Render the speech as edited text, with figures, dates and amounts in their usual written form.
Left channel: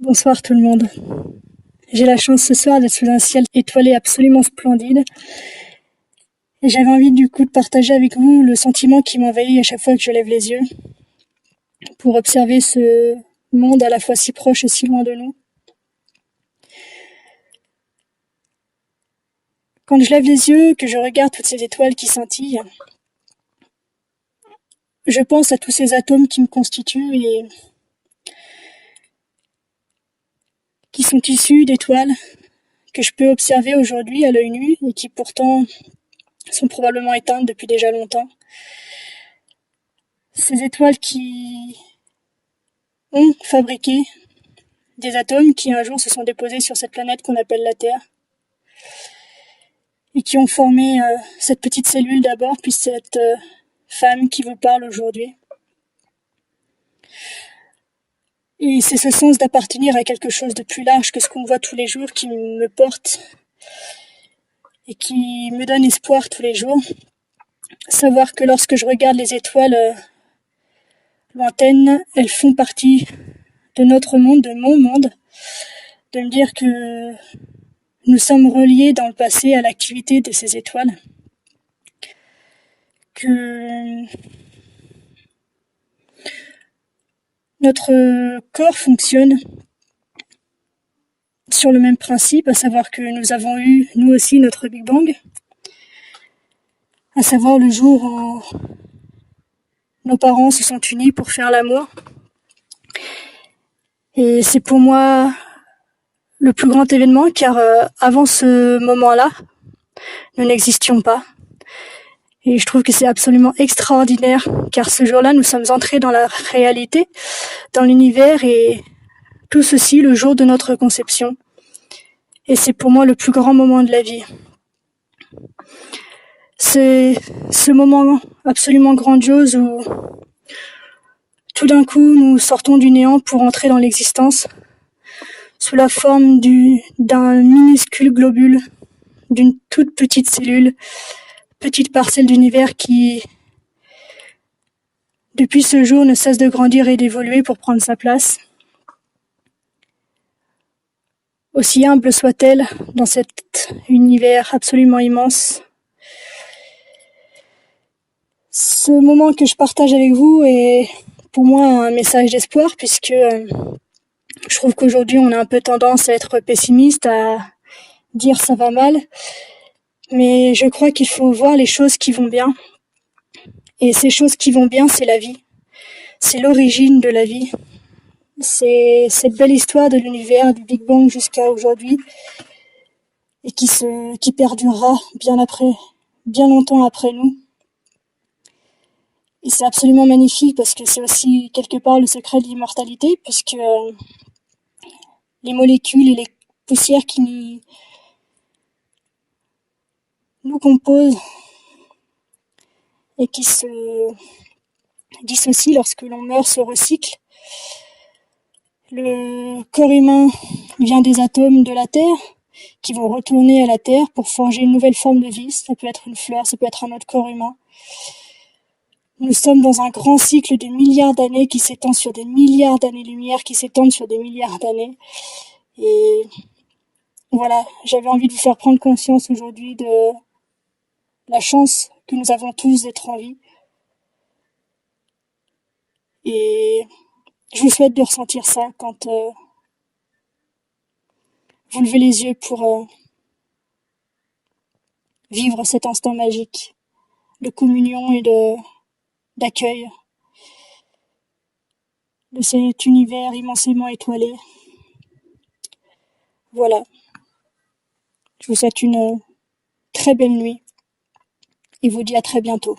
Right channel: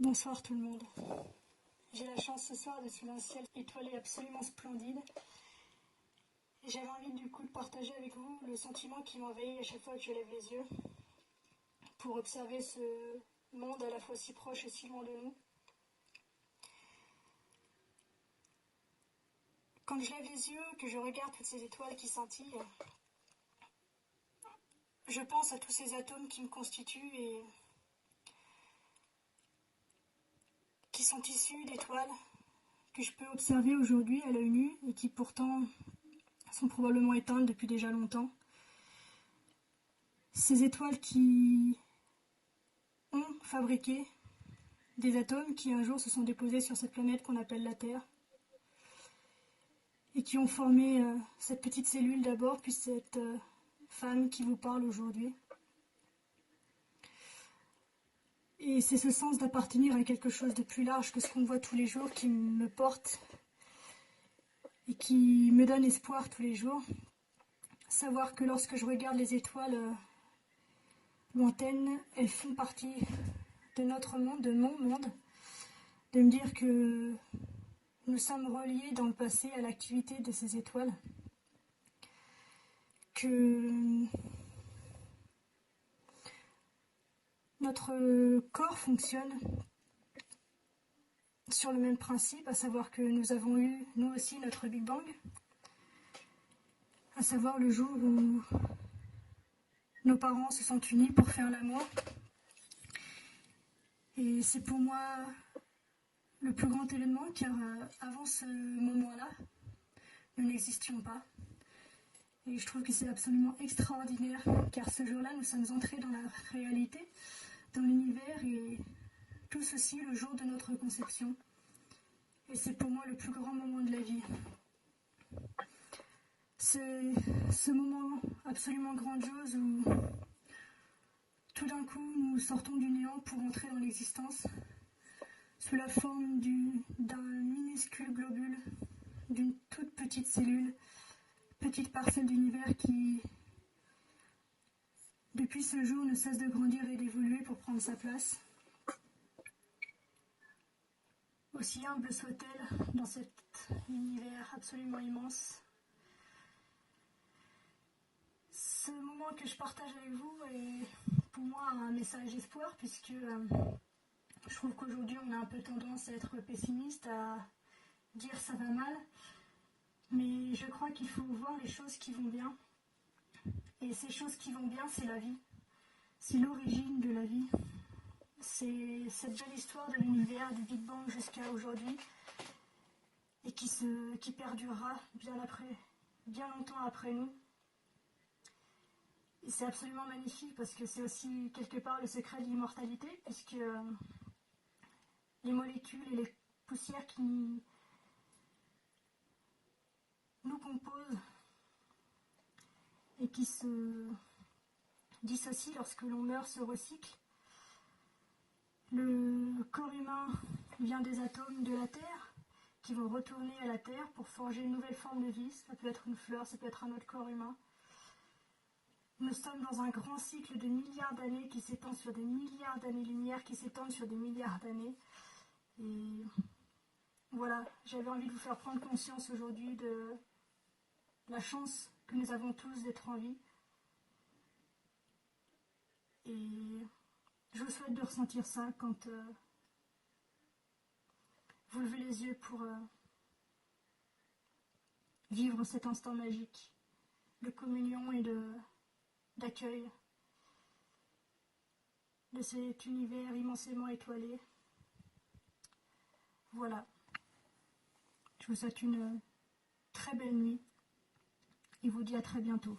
Bonsoir tout le monde. J'ai la chance ce soir d'être sous un ciel étoilé absolument splendide. Et j'avais envie du coup de partager avec vous le sentiment qui m'envahit à chaque fois que je lève les yeux pour observer ce monde à la fois si proche et si loin de nous. Quand je lève les yeux, que je regarde toutes ces étoiles qui scintillent, je pense à tous ces atomes qui me constituent et qui sont issus d'étoiles que je peux observer aujourd'hui à l'œil nu et qui pourtant sont probablement éteintes depuis déjà longtemps. Ces étoiles qui ont fabriqué des atomes qui un jour se sont déposés sur cette planète qu'on appelle la Terre et qui ont formé cette petite cellule d'abord, puis cette femme qui vous parle aujourd'hui. Et c'est ce sens d'appartenir à quelque chose de plus large que ce qu'on voit tous les jours qui me porte et qui me donne espoir tous les jours. Savoir que lorsque je regarde les étoiles lointaines, elles font partie de notre monde, de mon monde, de me dire que nous sommes reliés dans le passé à l'activité de ces étoiles, que notre corps fonctionne sur le même principe, à savoir que nous avons eu, nous aussi, notre Big Bang, à savoir le jour où nos parents se sont unis pour faire l'amour. Et c'est pour moi le plus grand événement, car avant ce moment-là, nous n'existions pas. Et je trouve que c'est absolument extraordinaire, car ce jour-là, nous sommes entrés dans la réalité, dans l'univers, et tout ceci le jour de notre conception. Et c'est pour moi le plus grand moment de la vie. C'est ce moment absolument grandiose où tout d'un coup nous sortons du néant pour entrer dans l'existence sous la forme d'un minuscule globule, d'une toute petite cellule, petite parcelle d'univers qui, depuis ce jour, ne cesse de grandir et d'évoluer pour prendre sa place. Aussi humble soit-elle dans cet univers absolument immense. Ce moment que je partage avec vous est pour moi un message d'espoir, puisque je trouve qu'aujourd'hui on a un peu tendance à être pessimiste, à dire ça va mal, mais je crois qu'il faut voir les choses qui vont bien. Et ces choses qui vont bien, c'est la vie. C'est l'origine de la vie. C'est cette belle histoire de l'univers, du Big Bang jusqu'à aujourd'hui, et qui perdurera bien longtemps après nous. Et c'est absolument magnifique parce que c'est aussi quelque part le secret de l'immortalité, puisque les molécules et les poussières qui nous composent et qui se dissocient lorsque l'on meurt se recyclent. Le corps humain vient des atomes de la Terre qui vont retourner à la Terre pour forger une nouvelle forme de vie. Ça peut être une fleur, ça peut être un autre corps humain. Nous sommes dans un grand cycle de milliards d'années qui s'étend sur des milliards d'années-lumière, qui s'étendent sur des milliards d'années. Et voilà, j'avais envie de vous faire prendre conscience aujourd'hui de la chance que nous avons tous d'être en vie. Et je vous souhaite de ressentir ça quand vous levez les yeux pour vivre cet instant magique de communion et d'accueil de cet univers immensément étoilé. Voilà. Je vous souhaite une très belle nuit et vous dis à très bientôt.